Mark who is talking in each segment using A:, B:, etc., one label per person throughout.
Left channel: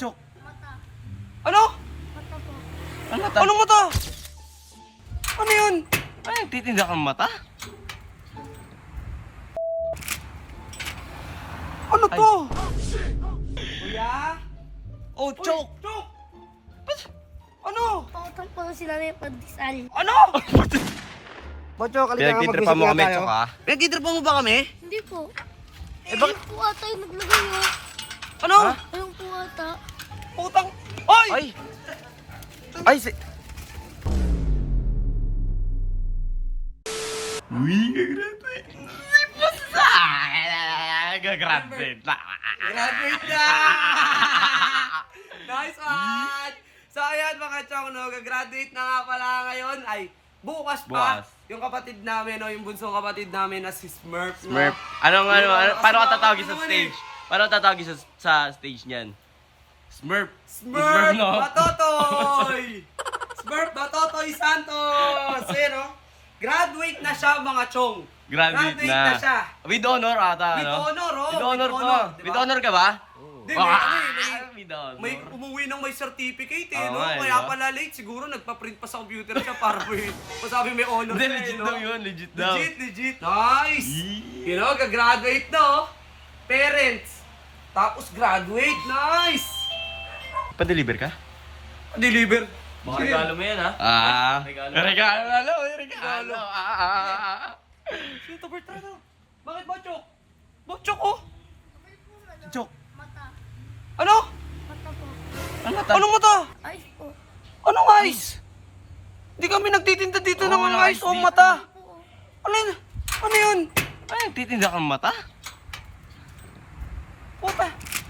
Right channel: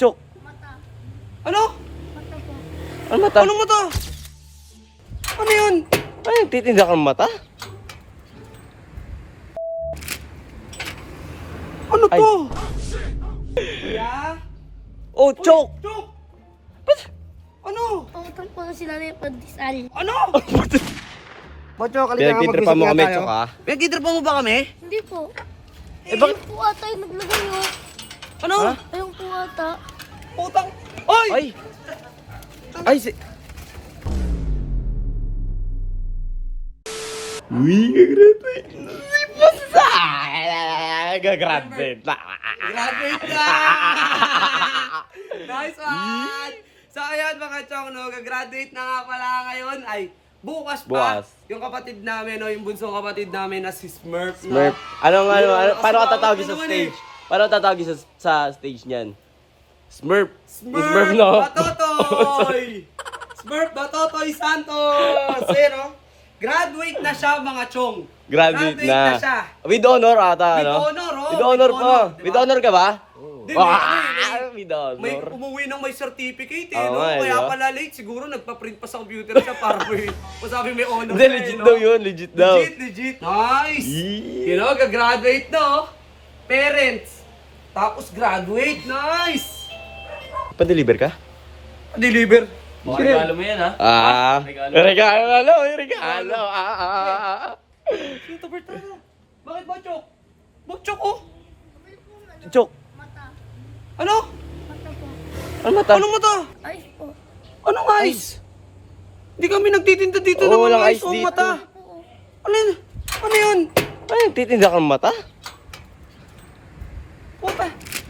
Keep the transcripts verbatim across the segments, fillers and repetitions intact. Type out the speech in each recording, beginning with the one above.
A: Chok?
B: Mata.
C: Ano?
B: Mata po.
A: Ano mata?
C: Anong mata? Ano yun?
A: Ay, nagtitinda ka ng mata?
C: Ano
A: Ay.
C: to? Kuya?
A: Oh, Chok!
C: Chok!
A: Ba't?
C: Ano?
B: Pautang po sila na yung pandesal.
C: Ano? Bocho, kalika nga
A: Pinagtitripan mo
C: mag-usap
A: kami,
C: nga tayo.
A: Chok, ha?
C: Pinagtitripan mo ba kami?
B: Hindi po.
C: Eh, bakit?
B: Ayun po ata yung naglagay oh.
C: Ano?
A: Ha?
B: Ayun po ata.
C: Putang... Oy!
A: Ay! Ay, si... Uy, gagraduate na si Pusa! Gagraduate na!
C: Graduate na! Nice one! So ayan mga chong, no, gagraduate na nga pala ngayon ay bukas pa.
A: Bukas.
C: Yung kapatid namin, no, yung bunsong kapatid namin na si Smurf. no?
A: Smurf. Anong ano, ano,
C: Kasi
A: paano ka
C: bakit
A: tatawagin sa
C: naman
A: stage?
C: eh?
A: Paano ka tatawagin sa, sa stage niyan? Smurf.
C: Smurf,
A: no?
C: Batotoy! Smurf Batotoy Santos! Ayan, no? Graduate na siya mga chong.
A: Graduate na.
C: na siya.
A: With honor ata,
C: With
A: ano?
C: honor, oh.
A: With honor
C: With
A: pa.
C: honor, diba?
A: With honor ka ba?
C: Di, may,
A: Ah,
C: ano eh, may-
A: with honor.
C: May umuwi ng may certificate eh,
A: Oo
C: no?
A: nga, eh,
C: Kaya
A: di ba?
C: pala late. Siguro nagpa-print pa sa computer siya para may masabi may honor
A: Hindi,
C: siya,
A: legit
C: eh, no?
A: daw yun. Legit daw.
C: Legit, legit. Nice!
A: Yee.
C: You know, gagraduate na, oh. Parents. Tapos graduate. Nice!
A: Pa-deliver ka?
C: Deliver.
D: Baka regalo mo yan, ha?
A: Ah.
D: Regalo.
A: Regalo. Regalo. Regalo. Ah, ah, ah, ah.
C: Sino to, Bertrano? Bakit ba, Chok? Chok, oh.
A: Chok.
B: Mata.
C: Ano?
B: Mata po.
A: Ano mata?
C: Anong mata?
B: Ice po.
C: Anong ice? Hindi kami nagtitinda dito
A: Oo,
C: ng
A: walang
C: mga
A: ice
C: ice o
A: dito.
C: mata.
B: Ano po oh.
C: Ano yun? Ano yun?
A: Ay, nagtitinda ka ng mata?
C: Puta.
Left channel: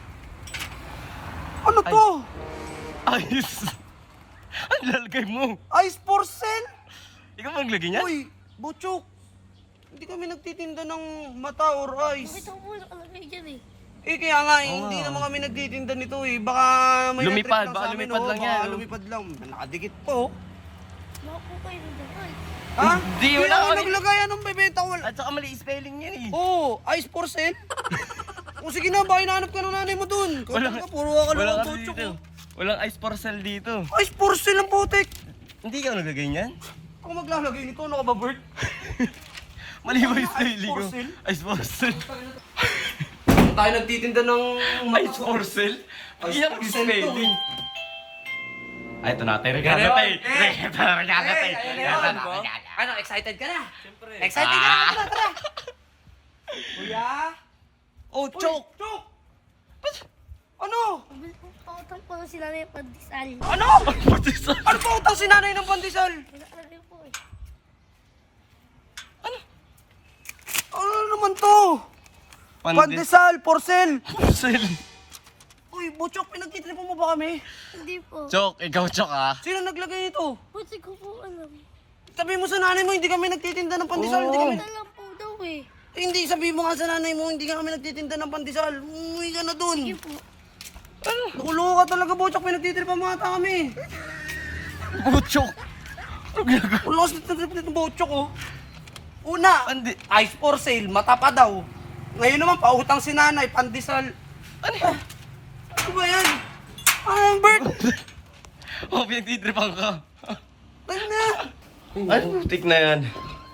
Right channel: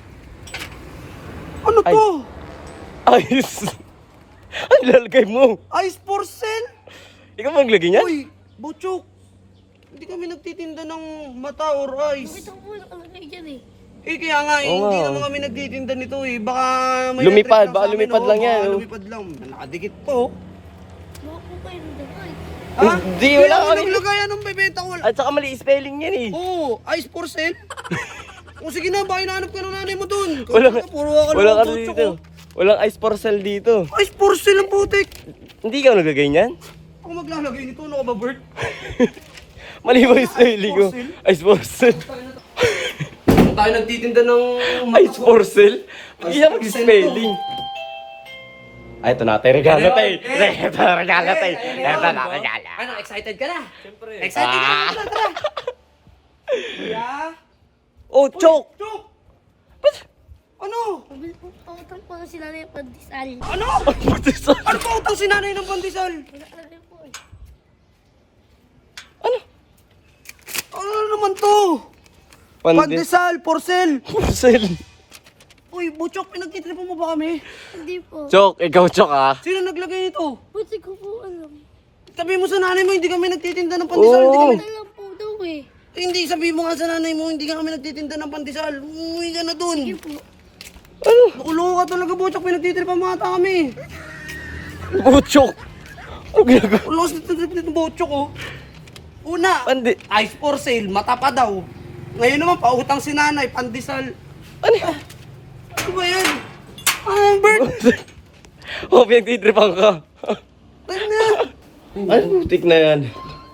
C: Ano
A: Ay.
C: to?
A: Ayos. Ang lalagay mo.
C: Ice for sale?
A: Ikaw maglagay niyan?
C: Uy, Butchok. Hindi kami nagtitinda ng mata or ice.
B: Nakita ko po nakalagay dyan eh.
C: Eh kaya nga, eh,
A: Oo
C: hindi
A: nga.
C: naman kami nagtitinda nito eh. Baka may
A: Lumipad,
C: na-trip
A: baka
C: sa amin,
A: lumipad
C: oh.
A: lang yan,
C: Baka
A: oh.
C: lumipad lang. Nakadikit po.
B: Baka po kayo nagdakay.
C: Ha?
A: Hindi, wala
C: kami
A: kami.
C: naglagay. Anong bebenta ko?
A: At saka mali spelling yan eh.
C: Oo, oh, ice for sale. O sige na, baka hinahanap ka ng nanay mo dun.
A: Walang,
C: Kaya puro ka
A: walang
C: lang
A: ano
C: Butchok,
A: dito.
C: oh.
A: Walang ice porcel dito.
C: Ice for sale ang putik.
A: Hindi ka naglagay niyan?
C: Ako maglalagay nito, ano ka ba, Bert?
A: Mali ba yung spelling ko?
C: porcel?
A: Ice porcel.
C: Kung tayo nagtitinda ng
A: Ice porcel? Hindi
C: Ice
A: siya
C: porcel
A: mag-spelling. Ay, ito na tayo. Regalo
C: Ayun,
A: tayo.
C: eh.
A: Ito na regalo tayo.
C: Eh, ayun,
A: Ito na
C: ba?
A: regalo.
C: Ano, excited ka na?
D: Siyempre.
C: Excited ka na?
A: Ah.
C: Tara, tara. Kuya?
A: Oh, Chok!
C: Chok!
A: Ba't?
C: Ano?
B: Pabil po, pautang po sila na yung pandesal.
C: Ano?
A: Ba't isa?
C: Ano pa utang si nanay ng pandesal?
B: Nakalagay po eh.
C: Ano naman to? Pandesal, porcel.
A: Porcel.
C: Uy, Butchok, pinagtitripan mo ba kami?
B: Hindi po.
A: Chok, ikaw Chok ah.
C: Sino naglagay nito?
B: Buti ko po alam.
C: Sabi mo sa nanay mo, hindi kami nagtitinda ng pandesal. Hindi
A: Oo.
C: kami...
B: Alam po daw eh.
C: Eh, hindi, sabi mo nga sa nanay mo, hindi ka kami nagtitinda ng pandesal. Umuwi ka na dun.
B: Sige po.
A: Ano?
C: Nakuloko ka talaga, Butchok. Pinagtitripan mo ata kami.
A: Oh, Chok. Ano ginagawa?
C: Lakas na trip nito, Butchok, oh. Una,
A: Pandi.
C: ice for sale, mata pa daw. Ngayon naman, pautang si nanay, pandesal.
A: Ano?
C: Ano ba yan? Ah, Bert!
A: Oh, pinagtitripan ka.
C: Ano na?
A: Ay, putik na yan.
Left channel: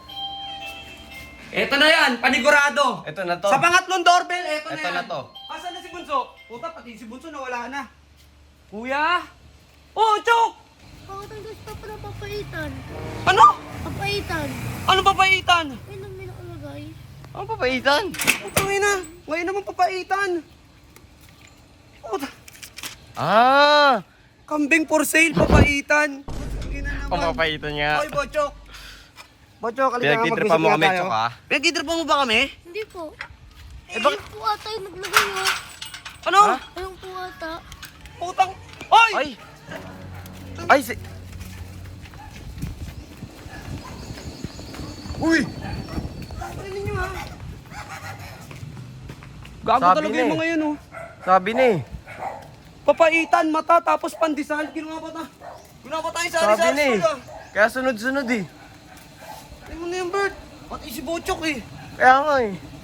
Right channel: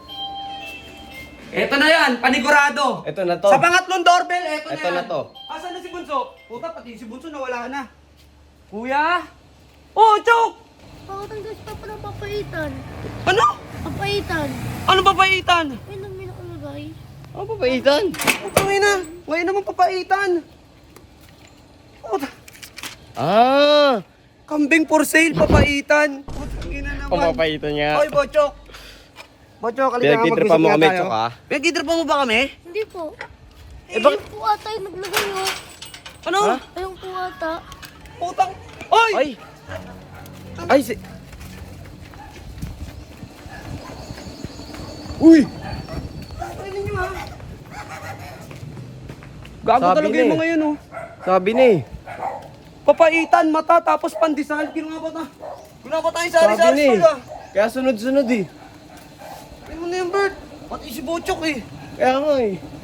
C: Eto na yan, panigurado.
A: Ito na to.
C: Sa pangatlong doorbell, eto,
A: Eto
C: na
A: na
C: yan.
A: to.
C: Asan na si Bunso? Puta, pati si Bunso nawala na. Kuya? Oh, Chok!
B: Pautang daw siya pala papaitan.
C: Ano?
B: Papaitan.
C: Ano papaitan?
B: Ayun lang may nakalagay.
A: Ano pa paitan?
C: Puta, ngayon na. Ngayon naman papaitan. Puta,
A: Ah!
C: kambing for sale, papaitan. Puta, ina naman.
A: Pamapaitan niya.
C: Oy, Bochok. Bochok, kalika nga
A: Pinagtitripan
C: mag-usap
A: mo
C: nga
A: kami,
C: tayo.
A: Chok, ah.
C: Pinagtitripan mo ba kami?
B: Hindi po.
C: Eh, bakit?
B: Ayun po ata yung naglagay oh.
C: Ano?
A: Ha?
B: Ayun po ata.
C: Putang. Oy!
A: Ay! Ay, si...
C: Uy! Tayo ninyo ha. Gago
A: Sabi
C: talaga
A: na
C: yung
A: eh.
C: mga yun oh.
A: Sabi na eh.
C: Papaitan, mata, tapos pandesal. Ginawa pa ta. Ginawa pa tayo sa
A: Sabi
C: Arizal
A: na eh.
C: School ah.
A: Kaya sunod-sunod eh.
C: Ano mo na yung Bert? Pati si Bochok eh.
A: Kaya nga eh.